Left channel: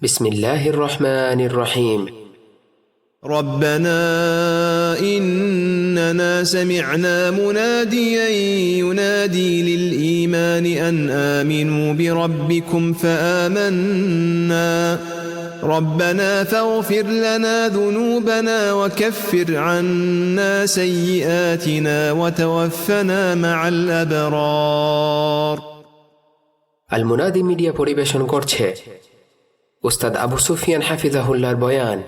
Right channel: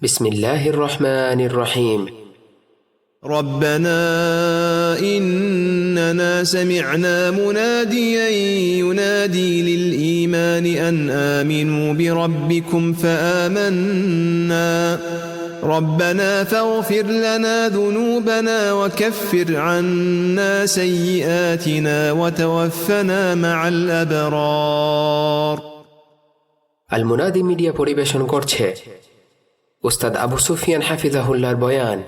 بسم الله الرحمن الرحيم. ربنا إننا سمعنا مناديا ينادي للإيمان أن آمنوا بربكم فآمنا ربنا فاغفر لنا ذنوبنا وكفر عنا سيئاتنا وتوفنا مع الأبرار. المنادي media পরিবেশন করছে উস্তাদ আবু সুফিয়ান হাফিজাহুল্লাহর বয়ান।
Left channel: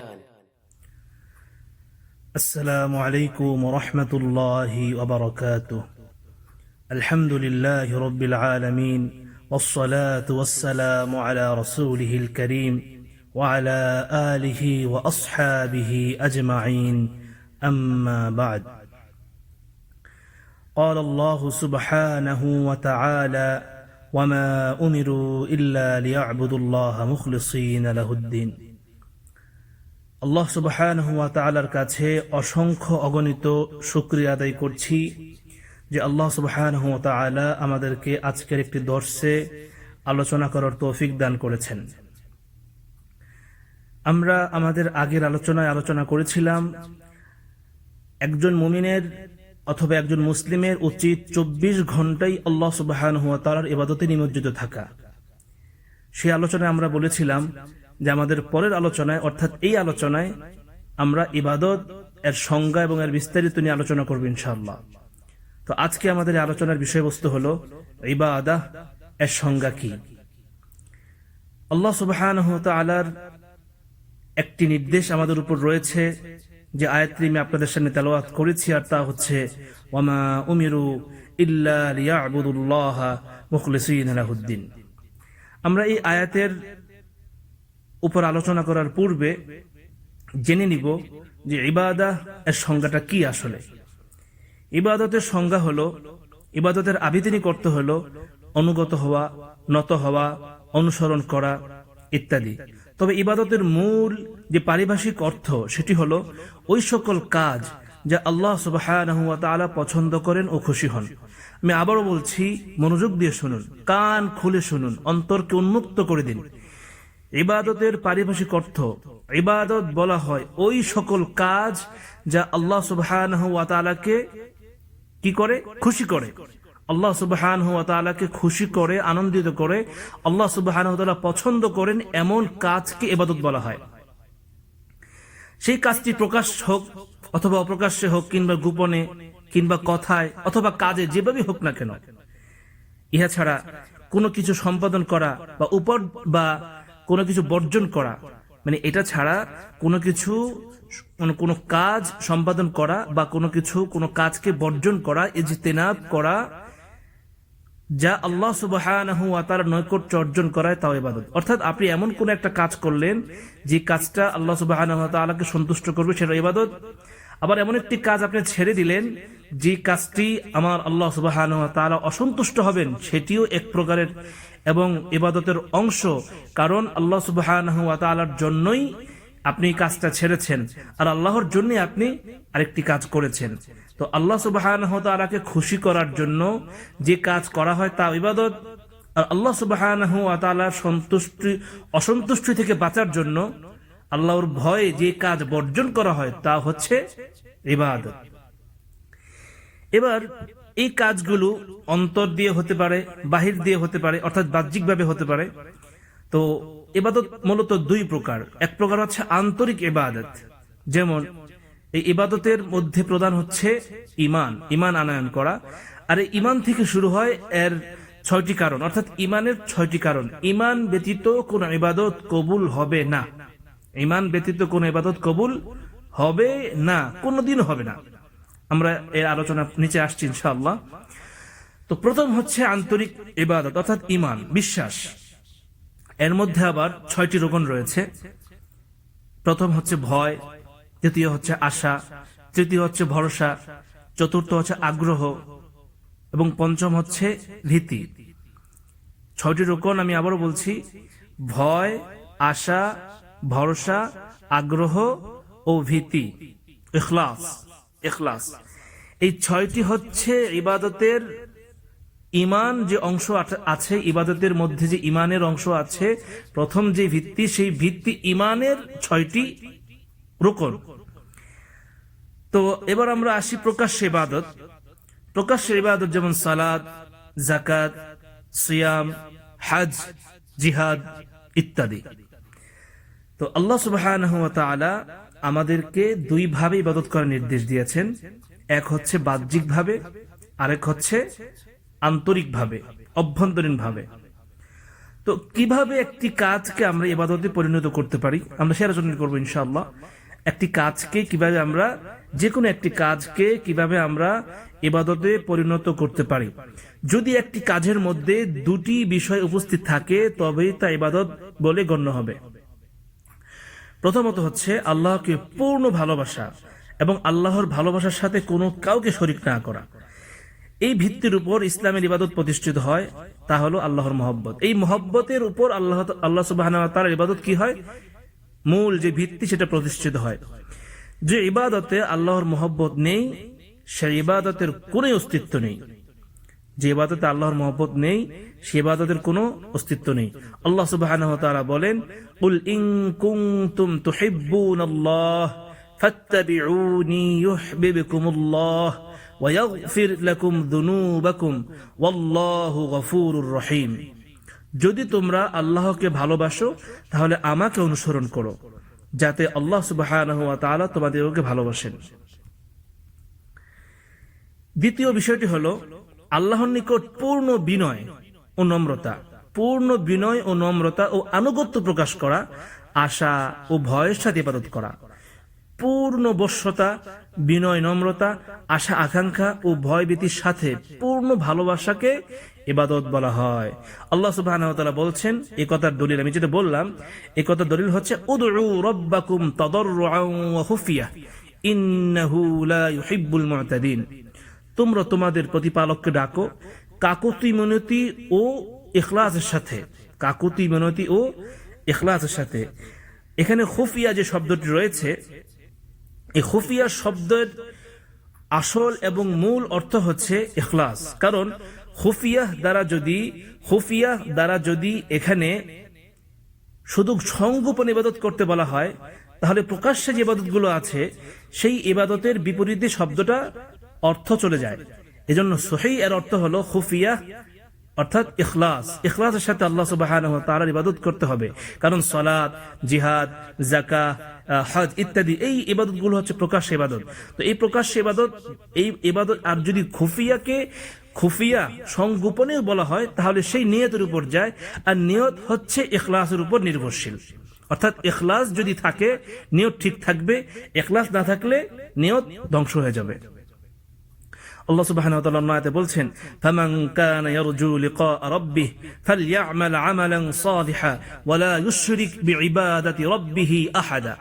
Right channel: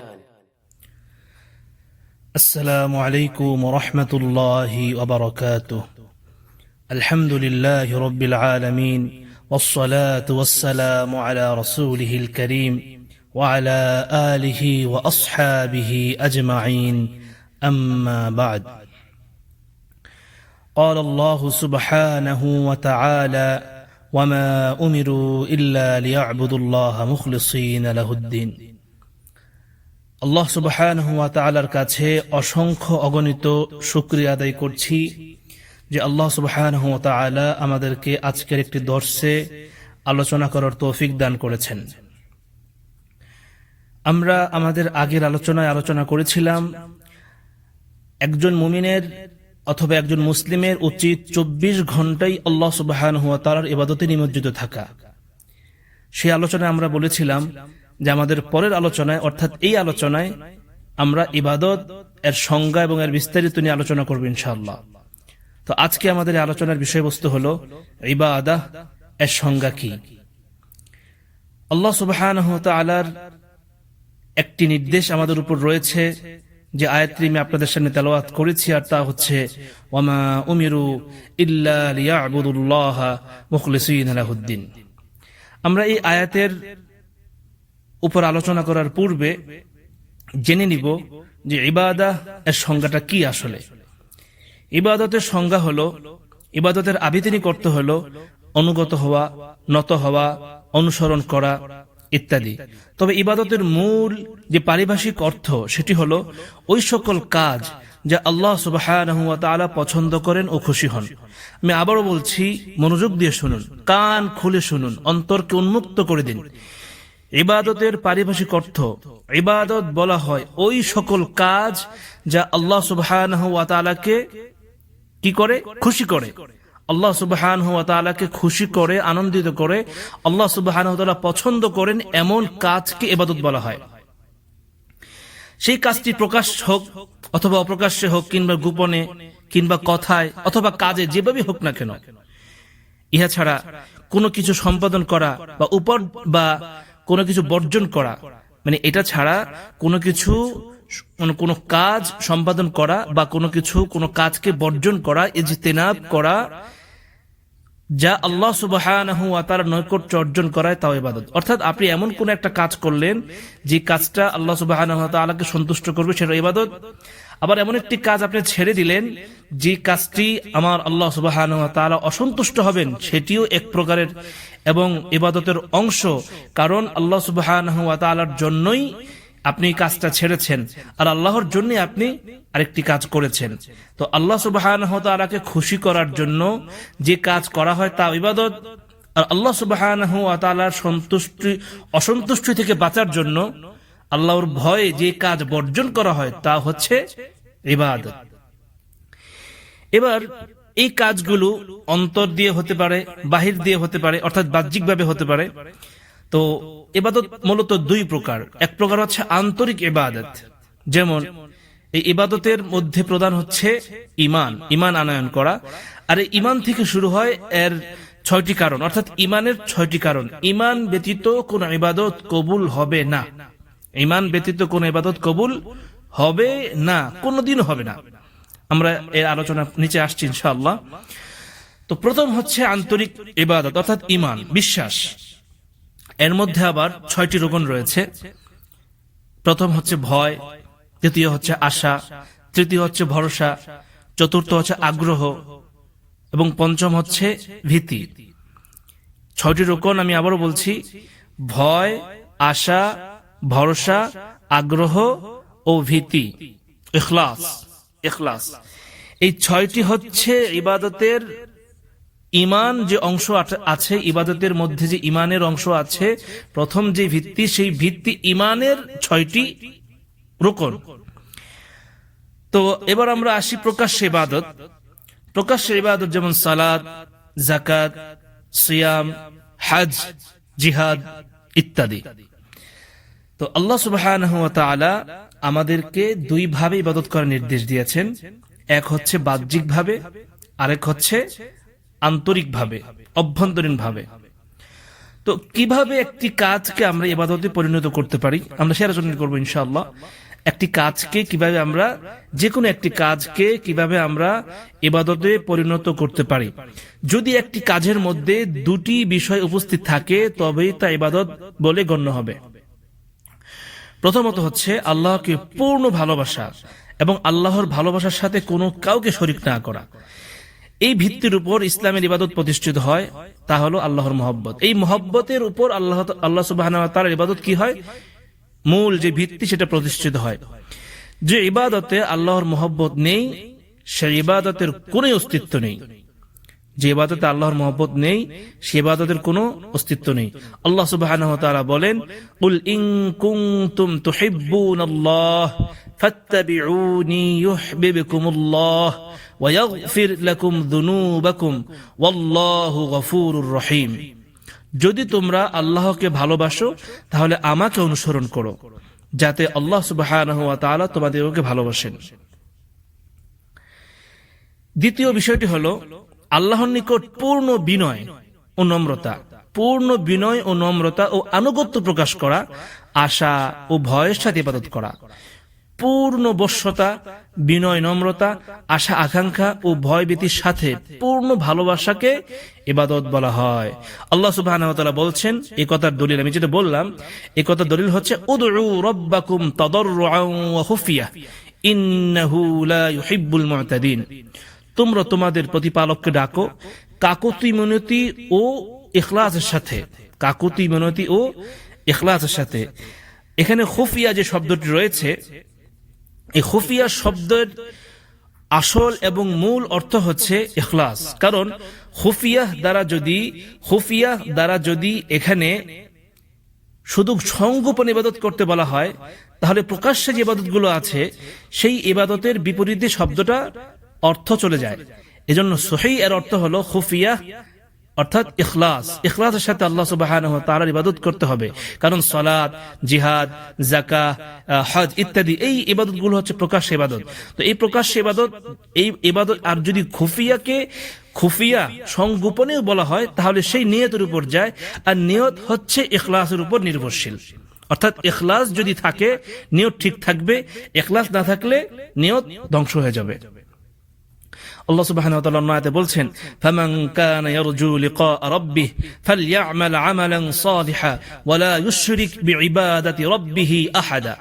السلام عليكم ورحمة الله وبركاته. الحمد لله رب العالمين والصلاة والسلام على رسوله الكريم وعلى آله وأصحابه أجمعين، أما بعد. قال الله سبحانه وتعالى: وما أمروا إلا ليعبدوا الله مخلصين له الدين. আল্লাহ সুবহানাহু ওয়া তাআলার কাছে অসংখ্য অগণিত শুকরিয়া আদায় করছি যে আল্লাহ সুবহানাহু ওয়া তাআলা আমাদেরকে আজকের একটি দর্সে আলোচনা করার তৌফিক দান করেছেন। আমরা আমাদের আগের আলোচনায় আলোচনা করেছিলাম একজন মুমিনের অথবা একজন মুসলিমের উচিত 24 ঘন্টাই আল্লাহ সুবহানাহু ওয়া তাআলার ইবাদতে নিমজ্জিত থাকা। সেই আলোচনায় আমরা বলেছিলাম যে আমাদের পরের আলোচনায় অর্থাৎ এই আলোচনায় আমরা ইবাদত এর সংজ্ঞা এবং এর বিস্তারিত নিয়ে আলোচনা করব ইনশাআল্লাহ। তো আজকে আমাদের এই আলোচনার বিষয়বস্তু হলো ইবাদত এর সংজ্ঞা কি। আল্লাহ সুবহানাহু ওয়া তাআলার একটি নির্দেশ আমাদের উপর রয়েছে যে আয়াতটি আমি আপনাদের সামনে তেলাওয়াত করেছি, আর তা হচ্ছে ওয়ামা উমিরু ইল্লা লিয়াবুদুল্লাহা মুখলিসিনা লাহুদ্দিন। আমরা এই আয়াতের উপর আলোচনা করার পূর্বে জেনে নিব যে ইবাদত এর সংজ্ঞাটা কি আসলে। ইবাদতের সংজ্ঞা হলো, ইবাদতের আবিধানিক অর্থ হলো অনুগত হওয়া, নত হওয়া, অনুসরণ করা ইত্যাদি। তবে ইবাদতের মূল যে পারিভাষিক অর্থ সেটি হলো ওই সকল কাজ যা আল্লাহ সুবহানাহু ওয়া তাআলা পছন্দ করেন ও খুশি হন। আমি আবারও বলছি, মনোযোগ দিয়ে শুনুন, কান খুলে শুনুন, অন্তরকে উন্মুক্ত করে দিন। ইবাদতের পারিভাষিক অর্থ, ইবাদত বলা হয় ওই সকল কাজ যা আল্লাহ সুবহানাহু ওয়া তাআলাকে কি করে? খুশি করে। আল্লাহ সুবহানাহু ওয়া তাআলাকে খুশি করে, আনন্দিত করে, আল্লাহ সুবহানাহু ওয়া তাআলা পছন্দ করেন এমন কাজকে ইবাদত বলা হয়। সেই কাজটি প্রকাশ হোক অথবা অপ্রকাশ্যে হোক, কিংবা গোপনে, কিংবা কথায় অথবা কাজে, যেভাবে হোক না কেন, ইহা ছাড়া কোনো কিছু সম্পাদন করা বা উপর বা কোনো কিছু বর্জন করা, মানে এটা ছাড়া কোনো কিছু, কোনো কাজ সম্পাদন করা বা কোনো কিছু, কোনো কাজকে বর্জন করা, ইজতিনাব করা, যা আল্লাহ সুবহানাহু ওয়া তাআলার নৈকট্য অর্জন করায় তাও ইবাদত। অর্থাৎ আপনি এমন কোন একটা কাজ করলেন যে কাজটা আল্লাহ সুবহানাহু ওয়া তাআলাকে সন্তুষ্ট করবে, সেটা ইবাদত। আবার এমন একটি কাজ আপনি ছেড়ে দিলেন যে কাজটি আমার আল্লাহ সুবহানাহু ওয়া তাআলা অসন্তুষ্ট হবেন, সেটিও এক প্রকারের এবং ইবাদতের অংশ। কারণ আল্লাহ সুবহানাহু ওয়া তাআলার জন্যই আপনি কাজটা ছেড়েছেন, আর আল্লাহর জন্য আপনি আরেকটি কাজ করেছেন। তো আল্লাহ সুবহানাহু ওয়া তাআলাকে খুশি করার জন্য যে কাজ করা হয় তা ইবাদত, আর আল্লাহ সুবহানাহু ওয়া তাআলার অসন্তুষ্টি থেকে বাঁচার জন্য আল্লাহর ভয়ে যে কাজ বর্জন করা হয় তা হচ্ছে ইবাদত। এবার এই কাজগুলো অন্তর দিয়ে হতে পারে, বাহির দিয়ে হতে পারে, অর্থাৎ বাহ্যিকভাবে হতে পারে। তো ইবাদত মূলত দুই প্রকার। এক প্রকার হচ্ছে আন্তরিক ইবাদত, যেমন এই ইবাদতের মধ্যে প্রধান হচ্ছে ঈমান আনয়ন করা। আর এই ঈমান থেকে শুরু হয় এর 6টি কারণ, অর্থাৎ ঈমানের 6টি কারণ। ঈমান ব্যতীত কোন ইবাদত কবুল হবে না। ঈমান ব্যতীত কোন ইবাদত কবুল হবে না, কোনদিনও হবে না। আমরা এর আলোচনা নিচে আসছি ইনশাআল্লাহ। তো প্রথম হচ্ছে আন্তরিক ইবাদত, অর্থাৎ ঈমান, বিশ্বাস। এর মধ্যে আবার 6টি রকম রয়েছে। প্রথম হচ্ছে ভয়, দ্বিতীয় হচ্ছে আশা, তৃতীয় হচ্ছে ভরসা, চতুর্থ হচ্ছে আগ্রহ এবং পঞ্চম হচ্ছে ভীতি। 6টি রকম আমি আবারও বলছি: ভয়, আশা, ভরসা, আগ্রহ ও ভীতি, ইখলাস। এই 6টি হচ্ছে ইবাদতের ইমান যে অংশ আছে, ইবাদতের মধ্যে যে ইমানের অংশ আছে, প্রথম যে ভিত্তি, সেই ভিত্তি ইমানের 6টি রুকন। তো এবার আমরা আসি প্রকাশ্য ইবাদত। প্রকাশ্য ইবাদত যেমন সালাত, যাকাত, সিয়াম, হজ, জিহাদ ইত্যাদি। তো আল্লাহ সুবহানাহু ওয়া তাআলা আমাদেরকে দুই ভাবে ইবাদত করার নির্দেশ দিয়েছেন। এক হচ্ছে বাহ্যিক ভাবে, আরেক হচ্ছে আন্তরিক ভাবে, অভ্যন্তরীণ ভাবে। তো কিভাবে একটি কাজকে আমরা ইবাদতে পরিণত করতে পারি, আমরা সে আলোচনা করবো ইনশাআল্লাহ। একটি কাজকে কিভাবে আমরা, যে কোনো একটি কাজকে কিভাবে আমরা ইবাদতে পরিণত করতে পারি। যদি একটি কাজের মধ্যে দুটি বিষয় উপস্থিত থাকে তবেই তা ইবাদত বলে গণ্য হবে। প্রথমত হচ্ছে আল্লাহকে পূর্ণ ভালোবাসা এবং আল্লাহর ভালোবাসার সাথে কোনো কাউকে শরীক না করা। এই ভিত্তির উপর ইসলামের ইবাদত প্রতিষ্ঠিত হয়, তা হলো আল্লাহর মহব্বত। এই মহব্বতের উপর আল্লাহ সুবহানাহু ওয়া তাআলার ইবাদত কি হয়, মূল যে ভিত্তি সেটা প্রতিষ্ঠিত হয়। যে ইবাদতে আল্লাহর মহব্বত নেই, সেই ইবাদতের কোনো অস্তিত্ব নেই। যে ইবাদতে আল্লাহর মহব্বত নেই, সে ইবাদতের কোনো অস্তিত্ব নেই। আল্লাহ সুবহানাহু ওয়া তাআলা বলেন, কুল ইন কুনতুম তুহিব্বুনাল্লাহ ফাত্তাবিউনি ইউহিব্বুকুমুল্লাহ ওয়া ইয়াগফির লাকুম যুনুবাকুম ওয়াল্লাহু গফুরুর রহিম। যদি তোমরা আল্লাহকে ভালোবাসো তাহলে আমাকে অনুসরণ করো, যাতে আল্লাহ সুবহানাহু ওয়া তাআলা তোমাদেরকে ভালোবাসেন। দ্বিতীয় বিষয়টি হলো আল্লাহর নিকট পূর্ণ বিনয় ও নম্রতা, পূর্ণ বিনয় ও নম্রতা ও আনুগত্য প্রকাশ করা, আশা ও ভয়ের সাথে ইবাদত করা। পূর্ণ বশ্যতা, বিনয়, নম্রতা, আশা আকাঙ্ক্ষা ও ভয়ভীতির সাথে পূর্ণ ভালোবাসাকে ইবাদত বলা হয়। আল্লাহ সুবহানাহু ওয়া তাআলা বলছেন, এই কথার দলিল আমি যেটা বললাম, এই কথার দলিল হচ্ছে উদউ রাব্বাকুম তাদাররুআন ওয়া খুফিয়া ইন্নাহু লা ইউহিব্বুল মু'তাদিন। তোমরা তোমাদের প্রতিপালককে ডাকো কাকুতি মিনতি ও ইখলাসের সাথে, কাকুতি মিনতি ও ইখলাসের সাথে। এখানে খুফিয়া যে শব্দটি রয়েছে, এই খুফিয়া শব্দের আসল এবং মূল অর্থ হচ্ছে ইখলাস। কারণ খুফিয়া দ্বারা যদি এখানে শুধু সংগোপন ইবাদত করতে বলা হয়, তাহলে প্রকাশ্যে যে ইবাদতগুলো আছে সেই ইবাদতের বিপরীতে শব্দটা অর্থ চলে যায়। এজন্য সহিহ এর অর্থ হলো খুফিয়া অর্থাৎ ইখলাস। ইখলাসের সাথে আল্লাহ সুবহানাহু ওয়া তাআলার ইবাদত করতে হবে। কারণ সালাত, জিহাদ, যাকাত, হজ ইত্যাদি এই ইবাদতগুলো হচ্ছে প্রকাশ্য ইবাদত। তো এই প্রকাশ্য ইবাদত, এই ইবাদত, আর যদি খুফিয়া সংগোপনেও বলা হয় তাহলে সেই নিয়তের উপর যায়, আর নিয়ত হচ্ছে ইখলাসের উপর নির্ভরশীল। অর্থাৎ ইখলাস যদি থাকে নিয়ত ঠিক থাকবে, ইখলাস না থাকলে নিয়ত ধ্বংস হয়ে যাবে। আল্লাহ সুবহানাহু ওয়া তাআলা আয়াতে বলছেন, ফামান কানা ইয়ারজু লিকা রাব্বিহি ফালইআমাল আমালান সালিহা ওয়া লা ইউশরিক বিইবাদাতি রাব্বিহি আহাদা।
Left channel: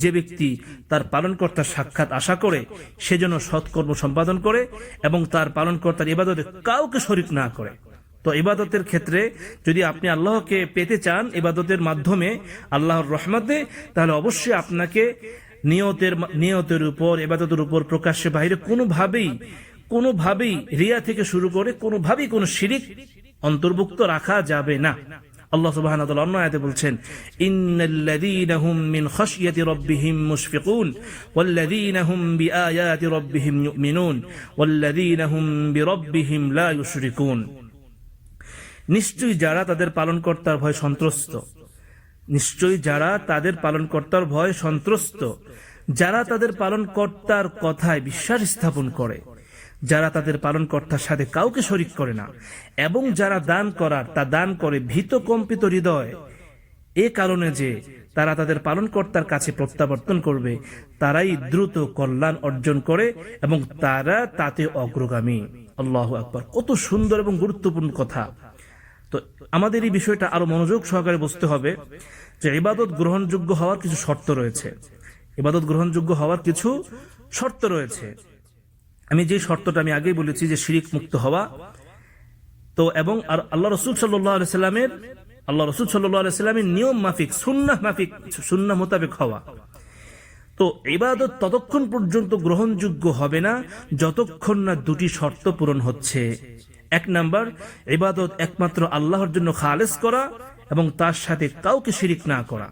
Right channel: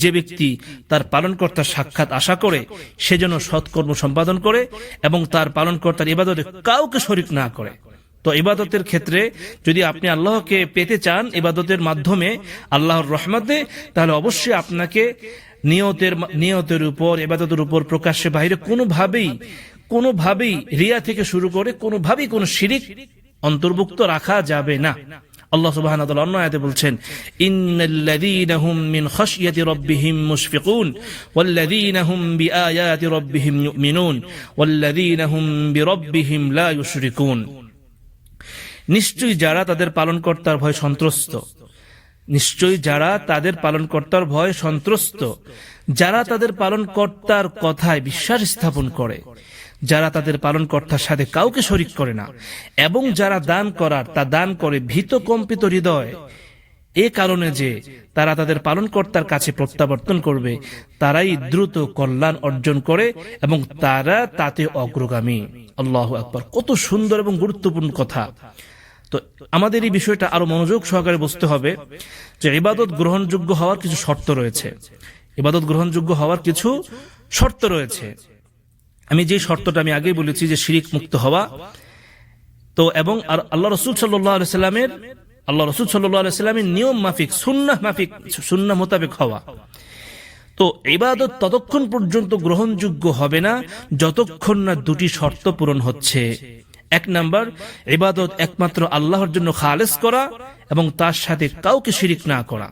যে ব্যক্তি তার পালনকর্তার সাক্ষাৎ আশা করে সে যেন সৎকর্ম সম্পাদন করে এবং তার পালনকর্তার ইবাদতে কাউকে শরীক না করে। তো ইবাদতের ক্ষেত্রে যদি আপনি আল্লাহকে পেতে চান ইবাদতের মাধ্যমে আল্লাহর রহমতে, তাহলে অবশ্যই আপনাকে নিয়তের উপর, ইবাদতের উপর প্রকাশ্যে বাইরে কোনোভাবেই রিয়া থেকে শুরু করে কোনোভাবেই কোনো শিরিক অন্তর্ভুক্ত রাখা যাবে না। আল্লাহ সুবহানাহু ওয়া তাআলা অন্য আয়াতে বলছেন, ইন্নাল্লাযীনা হুম মিন খাশিয়াতি রাব্বিহিম মুশফিকুন ওয়াল্লাযীনা হুম বিআয়াতি রাব্বিহিম ইউমিনুন ওয়াল্লাযীনা হুম বিরাব্বিহিম লা ইউশরিকুন। নিশ্চয়ই যারা তাদের পালনকর্তার ভয় সন্ত্রস্ত, যারা তাদের পালনকর্তার কথায় বিশ্বাস স্থাপন করে, যারা তাদের পালনকর্তার সাথে কাউকে শরীক করে না, এবং যারা দান করে ভীত কম্পিত হৃদয়, এ কারণে যে তারা তাদের পালনকর্তার কাছে প্রত্যাবর্তন করবে, তারাই দ্রুত কল্যাণ অর্জন করে এবং তারা তাতে অগ্রগামী। আল্লাহু আকবার। কত সুন্দর এবং গুরুত্বপূর্ণ কথা। তো আমাদের এই বিষয়টা আরো মনোযোগ সহকারে বুঝতে হবে যে ইবাদত গ্রহণযোগ্য হওয়ার কিছু শর্ত রয়েছে। আমি যে শর্তটা আমি আগেই বলেছি যে শিরিক মুক্ত হওয়া। তো এবং আর আল্লাহ রাসূল সাল্লাল্লাহু আলাইহি সাল্লামের নিয়ম মাফিক, সুন্নাহ মোতাবেক হওয়া। তো ইবাদত ততক্ষণ পর্যন্ত গ্রহণযোগ্য হবে না যতক্ষণ না দুটি শর্ত পূরণ হচ্ছে। এক নাম্বার, ইবাদত একমাত্র আল্লাহর জন্য খালেস করা এবং তার সাথে কাউকে শিরিক না করা।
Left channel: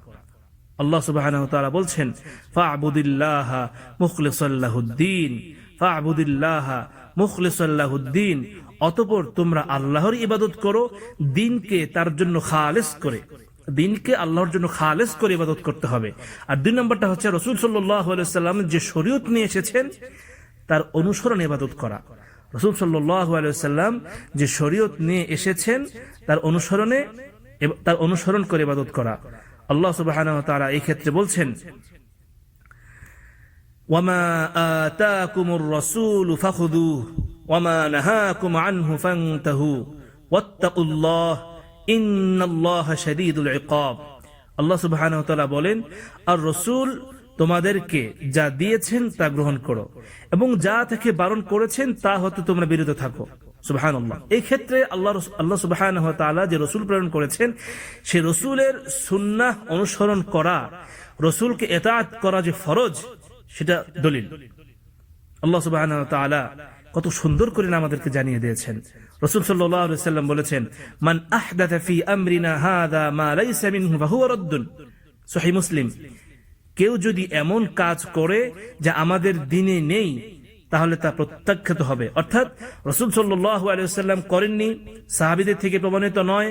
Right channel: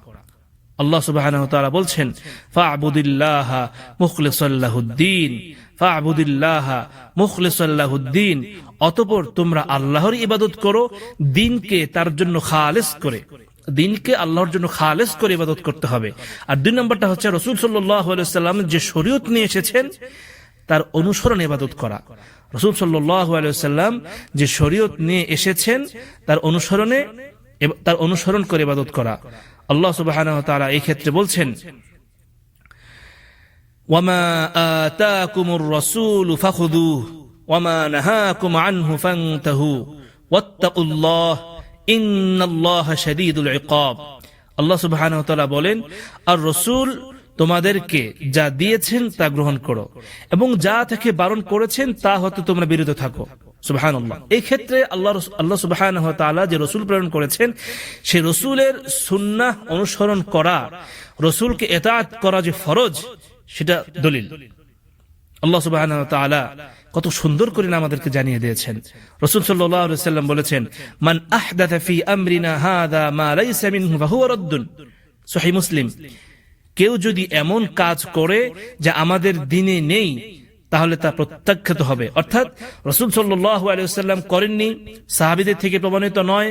আল্লাহ সুবহানাহু ওয়া তাআলা বলছেন, ফা'বুদিল্লাহা মুখলিসাল লাহুদ্দিন, ফা'বুদিল্লাহা মুখলিসাল লাহুদ্দিন, অতঃপর তোমরা আল্লাহর ইবাদত করো দ্বীনকে তার জন্য খালেস করে। দ্বীনকে আল্লাহর জন্য খালেস করে ইবাদত করতে হবে। আর দুই নম্বরটা হচ্ছে রাসূল সাল্লাল্লাহু আলাইহি ওয়াসাল্লাম যে শরীয়ত নিয়ে এসেছেন তার অনুসরণে ইবাদত করা। রাসূল সাল্লাল্লাহু আলাইহি ওয়াসাল্লাম যে শরীয়ত নিয়ে এসেছেন তার অনুসরণ করে ইবাদত করা। আল্লাহ সুবহানাহু ওয়া তাআলা এই ক্ষেত্রে বলছেন, ওয়ামা আতাকুমুর রাসূলু ফাখুযুহু ওয়ামা নাহাকুম আনহু ফান্তাহু ওয়াত্তাকুল্লাহ ইন্নাল্লাহা শাদীদুল ইকাব। আল্লাহ সুবহানাহু ওয়া তাআলা বলেন, আর রাসূল তোমাদেরকে যা দিয়েছেন তা গ্রহণ করো এবং যা থেকে বারণ করেছেন তা হতে তোমরা বিরত থাকো। সুবহানাল্লাহ। এই ক্ষেত্রে আল্লাহ সুবহানাহু ওয়া তাআলা যে রাসূল প্রেরণ করেছেন সেই রাসূলের সুন্নাহ অনুসরণ করা, রাসূলকে ইতাআত করা যে ফরজ, সেটা দলিল। আল্লাহ সুবহানাহু ওয়া তাআলা কত সুন্দর করে আমাদেরকে জানিয়ে দিয়েছেন। রাসূল সাল্লাল্লাহু আলাইহি ওয়াসাল্লাম বলেছেন, মান আহদাথা ফি আমরিনা হাযা মা লাইসা মিনহু ফাহুয়া রাদ্দুন। সহিহ মুসলিম। কেউ যদি এমন কাজ করে যা আমাদের দ্বীনে নেই তাহলে তা প্রত্যাখ্যাত হবে। অর্থাৎ রাসূল সাল্লাল্লাহু আলাইহি ওয়াসাল্লাম করেননি, সাহাবীদের থেকে প্রমাণিত নয়,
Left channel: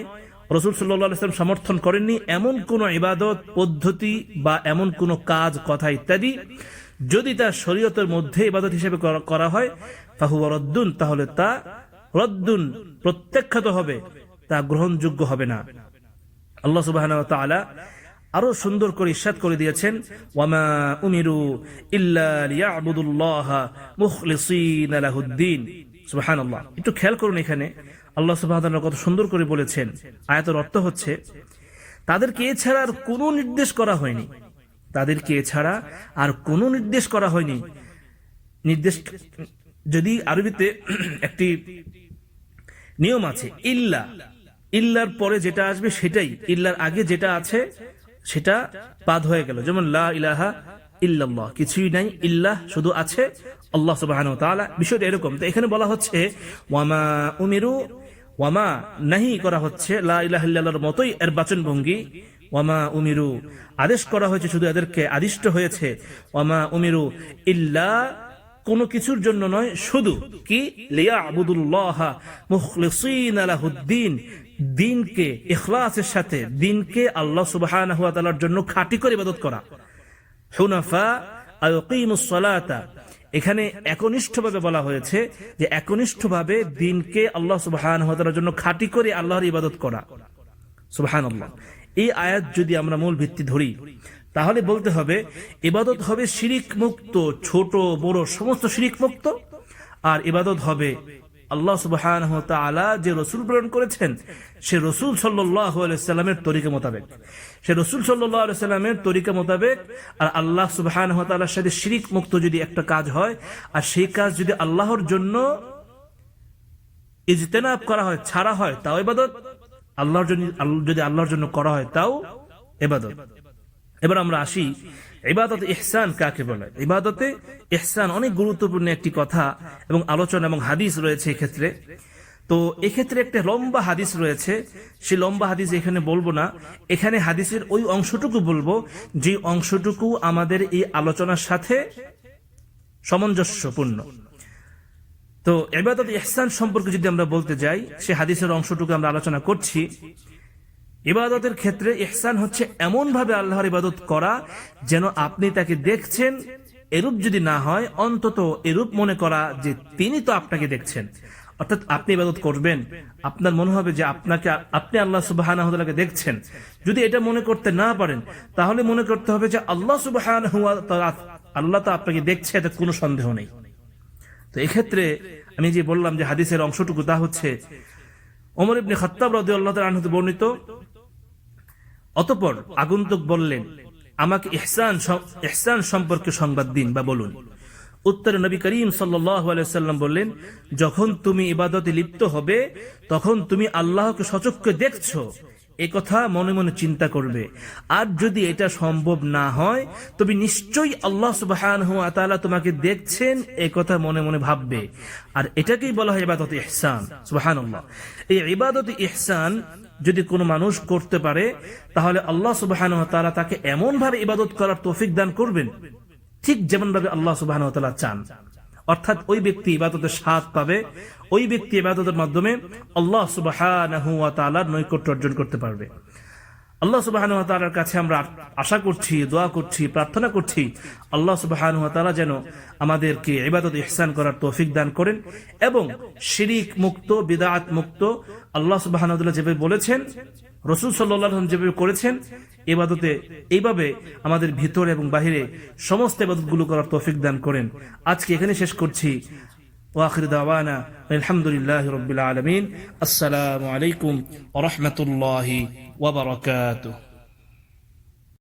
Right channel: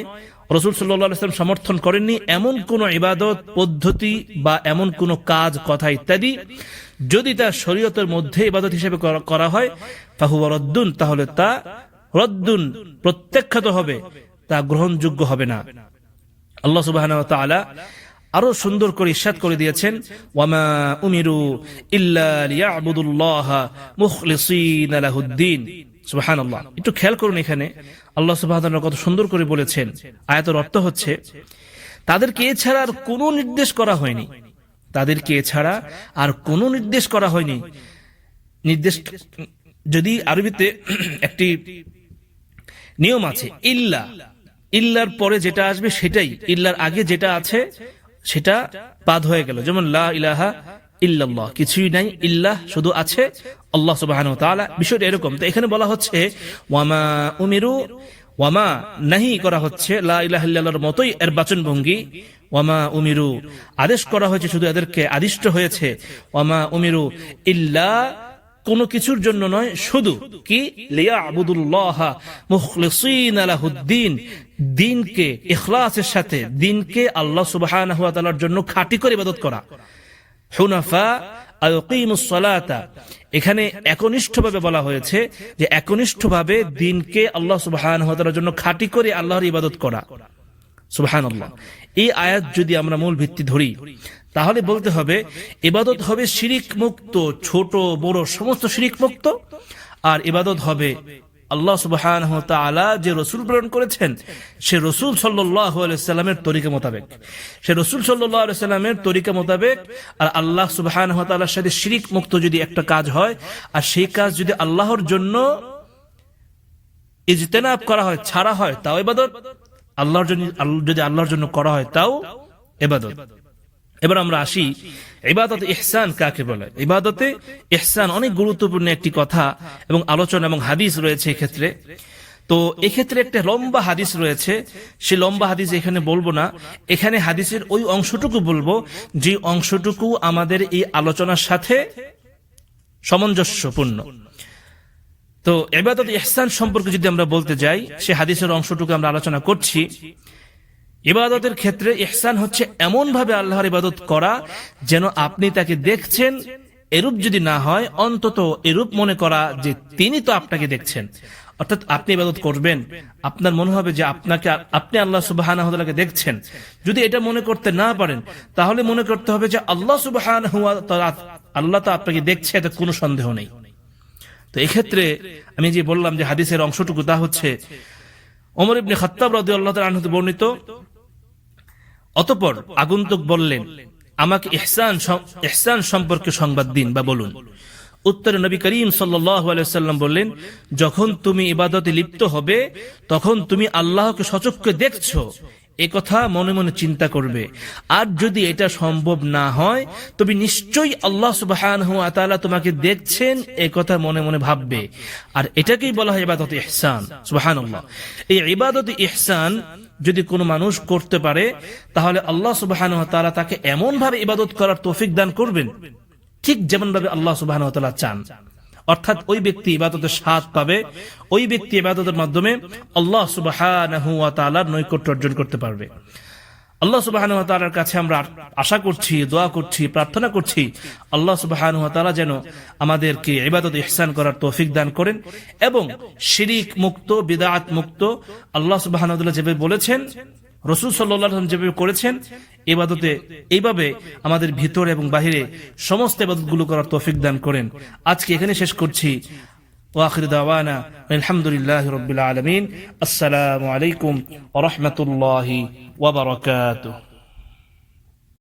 রাসূল সাল্লাল্লাহু আলাইহি ওয়াসাল্লাম সমর্থন করেননি এমন কোন ইবাদত পদ্ধতি বা এমন কোন কাজ, কথা ইত্যাদি যদি তা শরীয়তের মধ্যে ইবাদত হিসেবে করা হয়, ফাহুয়া রাদ্দুন, তাহলে তা রদ্দুন, প্রত্যাখ্যাত হবে, তা গ্রহণযোগ্য হবে না। আল্লাহ সুবহানাহু ওয়া তাআলা আরো সুন্দর করে ইরশাদ করে দিয়েছেন, ওয়ামা উমিরু ইল্লা লিয়াবুদুল্লাহা মুখলিসিনা লাহুদ্দিন। সুবহানাল্লাহ। একটু খেয়াল করুন, এখানে আল্লাহ সুবহানাহু ওয়া তাআলা কত সুন্দর করে বলেছেন। আয়াতের অর্থ হচ্ছে তাদেরকে এছাড়া আর কোনো নির্দেশ করা হয়নি, তাদেরকে এছাড়া আর কোনো নির্দেশ করা হয়নি। নির্দেশ যদি আরবিতে একটি নিয়ম আছে, ইল্লা, ইল্লার পরে যেটা আসবে সেটাই, ইল্লার আগে যেটা আছে সেটা বাদ হয়ে গেল। যেমন লা ইলাহা ইল্লাল্লাহ, কিছুই নাই, ইল্লাহ শুধু আছে আল্লাহ সুবহানাহু ওয়া তাআলা। বিষয়টা এরকম। তো এখানে বলা হচ্ছে ওয়ামা উমিরু, ওয়ামা নাহি করা হচ্ছে লা ইলাহা ইল্লাল্লাহর মতোই এর বাচনভঙ্গি। ওয়ামা উমিরু, আদেশ করা হয়েছে, শুধু এদেরকে আদিষ্ট হয়েছে। ওয়ামা উমিরু ইল্লা, কোনো কিছুর জন্য নয়, শুধু কি লিয়াবুদুল্লাহা মুখলিসিনা লাহুদ্দিন, দ্বীনকে ইখলাসের সাথে, দ্বীনকে আল্লাহ সুবহানাহু ওয়া তাআলার জন্য খাঁটি করে ইবাদত করা। হুনাফা আকিমুস সালাতা, এখানে একনিষ্ঠভাবে বলা হয়েছে যে একনিষ্ঠভাবে দ্বীনকে আল্লাহ সুবহানাহু ওয়া তাআলার জন্য খাঁটি করে আল্লাহর ইবাদত করা। সুবহানাল্লাহ। এই আয়াত যদি আমরা মূল ভিত্তি ধরি তাহলে বলতে হবে ইবাদত হবে শিরিক মুক্ত, ছোট বড় সমস্ত শিরিক মুক্ত, আর ইবাদত হবে আল্লাহ সুবহানাহু ওয়া তাআলা যে রাসূল প্রেরণ করেছেন সে রাসূল সাল্লাল্লাহু আলাইহি ওয়াসাল্লামের তরিকা মোতাবেক, সে রাসূল সাল্লাল্লাহু আলাইহি ওয়াসাল্লামের তরিকা মোতাবেক। আর আল্লাহ সুবহানাহু ওয়া তাআলার সাথে শিরিক মুক্ত যদি একটা কাজ হয়, আর সেই কাজ যদি আল্লাহর জন্য ইজতিনাব করা হয়, ছাড়া হয়, তাও ইবাদত। আল্লাহর জন্য, যদি আল্লাহর জন্য করা হয় তাও ইবাদত। এবার আমরা আসি ইবাদতে ইহসান কাকে বলে। ইবাদতে ইহসান অনেক গুরুত্বপূর্ণ একটি কথা এবং আলোচনা এবং হাদিস রয়েছে এক্ষেত্রে। তো এক্ষেত্রে একটা লম্বা হাদিস রয়েছে, সেই লম্বা হাদিস এখানে বলবো না, এখানে হাদিসের ওই অংশটুকু বলবো যে অংশটুকু আমাদের এই আলোচনার সাথে সামঞ্জস্যপূর্ণ। তো ইবাদতে ইহসান সম্পর্কে যদি আমরা বলতে যাই, সে হাদিসের অংশটুকু আমরা আলোচনা করছি। ইবাদতের ক্ষেত্রে ইহসান হচ্ছে এমন ভাবে আল্লাহর ইবাদত করা যেন আপনি তাকে দেখছেন, এরূপ যদি না হয় অন্তত এরূপ মনে করা যে তিনি তো আপনাকে দেখছেন। অর্থাৎ আপনি ইবাদত করবেন, আপনার মনে হবে যে আপনি আল্লাহ সুবহানাহু ওয়া তাআলাকে দেখছেন। যদি এটা মনে করতে না পারেন তাহলে মনে করতে হবে যে আল্লাহ সুবহানাহু ওয়া তাআলা, আল্লাহ তো আপনাকে দেখছে, এতে কোনো সন্দেহ নেই। তো এক্ষেত্রে আমি যে বললাম যে হাদিসের অংশটুকু, তা হচ্ছে ওমর ইবনে খাত্তাব রাদিয়াল্লাহু তাআলা আনহু বর্ণিত, অতঃপর আগন্তুক বললেন, আমাকে ইহসান সম্পর্কে সংবাদ দিন বা বলুন। উত্তরে নবী করিম সাল্লাল্লাহু আলাইহি ওয়াসাল্লাম বললেন, যখন তুমি ইবাদতে লিপ্ত হবে তখন তুমি আল্লাহকে সচক্ষে দেখছো এ কথা মনে মনে চিন্তা করবে। আর যদি এটা সম্ভব না হয় তবে নিশ্চয়ই আল্লাহ সুবহানাহু ওয়া তাআলা তোমাকে দেখছেন এ কথা মনে মনে ভাববে। আর এটাকেই বলা হয় ইবাদত ইহসান। সুবহানাল্লাহ। এই ইবাদত ইহসান যদি কোনো মানুষ করতে পারে তাহলে আল্লাহ সুবহানাহু ওয়া তাআলা তাকে এমন ভাবে ইবাদত করার তৌফিক দান করবেন ঠিক যেমন ভাবে আল্লাহ সুবহানাহু ওয়া তাআলা চান। অর্থাৎ ওই ব্যক্তি ইবাদতের স্বাদ পাবে, ওই ব্যক্তি ইবাদতের মাধ্যমে আল্লাহ সুবহানাহু ওয়া তাআলার নৈকট্য অর্জন করতে পারবে। আল্লাহ সুবহানাহু ওয়া তাআলার কাছে আমরা আশা করছি, দোয়া করছি, প্রার্থনা করছি আল্লাহ সুবহানাহু ওয়া তাআলা যেন আমাদেরকে ইবাদত ইহসান করার তৌফিক দান করেন এবং শিরিক মুক্ত, বিদআত মুক্ত আল্লাহ সুবহানাহু ওয়া তাআলা যেভাবে বলেছেন, রাসূল সাল্লাল্লাহু আলাইহি ওয়াসাল্লাম যেভাবে করেছেন ইবাদতে এইভাবে আমাদের ভিতর এবং বাহিরে সমস্ত ইবাদতগুলো করার তৌফিক দান করেন। আজকে এখানে শেষ করছি। ওয়া আখিরু দাওয়ানা আলহামদুলিল্লাহি রাব্বিল আলামিন। আসসালামু আলাইকুম ওয়া রাহমাতুল্লাহি ওয়া বারাকাতুহু।